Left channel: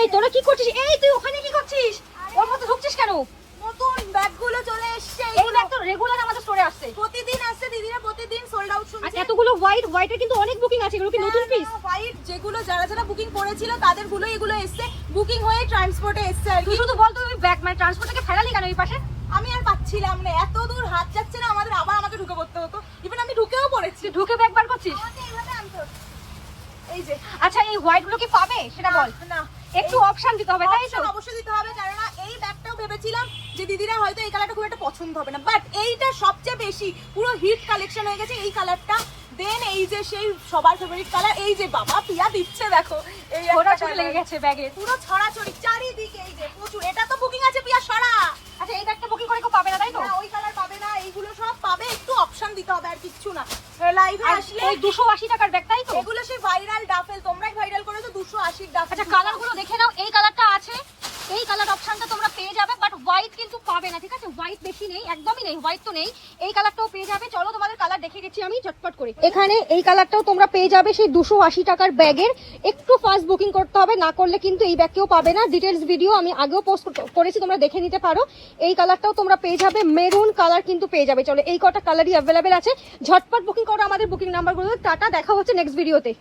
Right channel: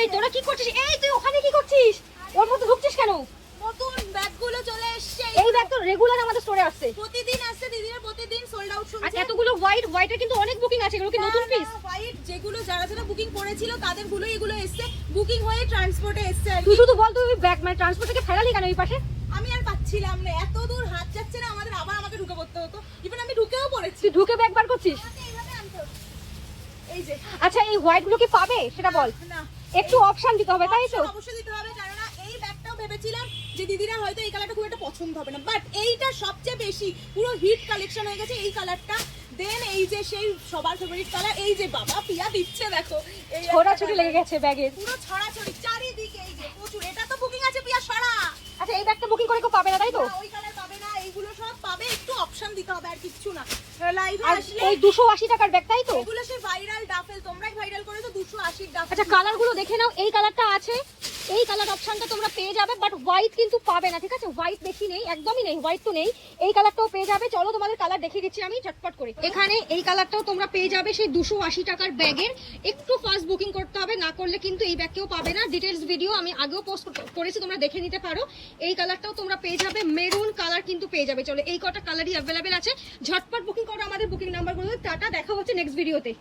এই তোরা কি করছিস? এই তুই ওখানে কি করছিস? ওর মধ্যে ঢুকছিস কেন? নতুন ব্যাগগুলো চলে এসেছে, এগুলো তো রেগুলার আমাদের স্টোরে আসছে। প্রতিদিন আসছে দিদিরা, প্রতিদিন সোল্ড আউট আর শুনছে। এতগুলো হোয়াইটের কিন্তু অনেক বুকিং আছে, এগুলো কি নতুন পিস? হোয়াইট যেগুলো যারা যারা বুকিং করেছিল তাদের গুলো এগুলো এসছে, বুকিং হয়ে ট্রান্সপোর্টে এসছে আর কি। তুই শুধু বল তুই ওই ব্যাগ মানে ট্রান্সপোর্ট থেকে ফেরালি কেন এই পাশে? আমি আর পাচ্ছিলাম না, এত দূর হাত যাচ্ছে না আমাদের, আবার আমাকে ঢুকে পড়তে হতো। ইভেন আমি ঢুকেও পড়েছি। তুই ঢুকে ব্যাগ বার করছিস? আমাকে এইভাবে আনতে হতো। এই যে আচ্ছা এই হোয়াইট গুলো কি পাবে সেটা বল। না, একটু অপশন দিতে হবে, তাই তো? অপশন অবশ্যই দিতে হবে, কারণ এই ব্যাগটাও ভেবেছিলাম যে দিদিরা হয়তো এই কালারটা খুব একটা পছন্দ হবে না, বাট এইটা সবচেয়ে বেশি পুরো হিট কালেকশন হয়ে গেছে এই কালারটা। দেন এই যে সেই সবার ফেভারিট কালার, এই যে বাবা পিয়া দিচ্ছে দেখো, এই একটা ছড়াছড়ি কালার লেগে গেছে ব্যাগে। পুরো ছড়াছড়ি চারিদিকে, এই যে প্রচুর। এটা তো বুকিং আছে পিয়া সরা। আচ্ছা এই ব্যাগটা বুকিং করে কেউ পাবে না, তাই তো? না ওই কালার পাবে না, এইগুলো সব পাবে, একটু অপশন দিতে হবে আর কিচ্ছু না। লাইভে আসলে এই 280 টাকার ব্যাগ, তাই তো? এগুলো সেই ভাইরাল ডাফেল, তোমরাই ভাইরাল করেছো 280 ডাফেল। আচ্ছা কালার গুলো দেখে নাও, এই কালারটা আছে, এই কালার অপশনটা তোমরা পেয়ে যাবে, বাট হোয়াইট কিন্তু পাবে না, ঠিক আছে? হোয়াইট বেশি নেই, একদমই নেই, হোয়াইট তো নেই। এই কালারটাও পেয়ে যাবে। চলো তোমাদের কালার দেখিয়ে দিচ্ছি আমি ঝটপট করে। এখানে এই কালারটাও তোমরা পেয়ে যাবে সেই 280 টাকার ব্যাগের। একটু ফাস্ট বুকিং করতে হবে, না করলে কিন্তু এই ব্যাগ কেউ পাবে না। ডিটেলস ভিডিও আমি আগেও পোস্ট করেছি, তোমরা দেখে নিতে পারো। এই কালারটাও তোমরা পেয়ে যাবে, মেরুন কালার কিন্তু পেয়ে যাবে। চলো এই কটা কালারই অ্যাভেলেবেল আছে, ঝটপট বুকিং করো। আমাদের বুকিং নাম্বার গুলো টাটা, দেখা হচ্ছে নেক্সট ভিডিওতে।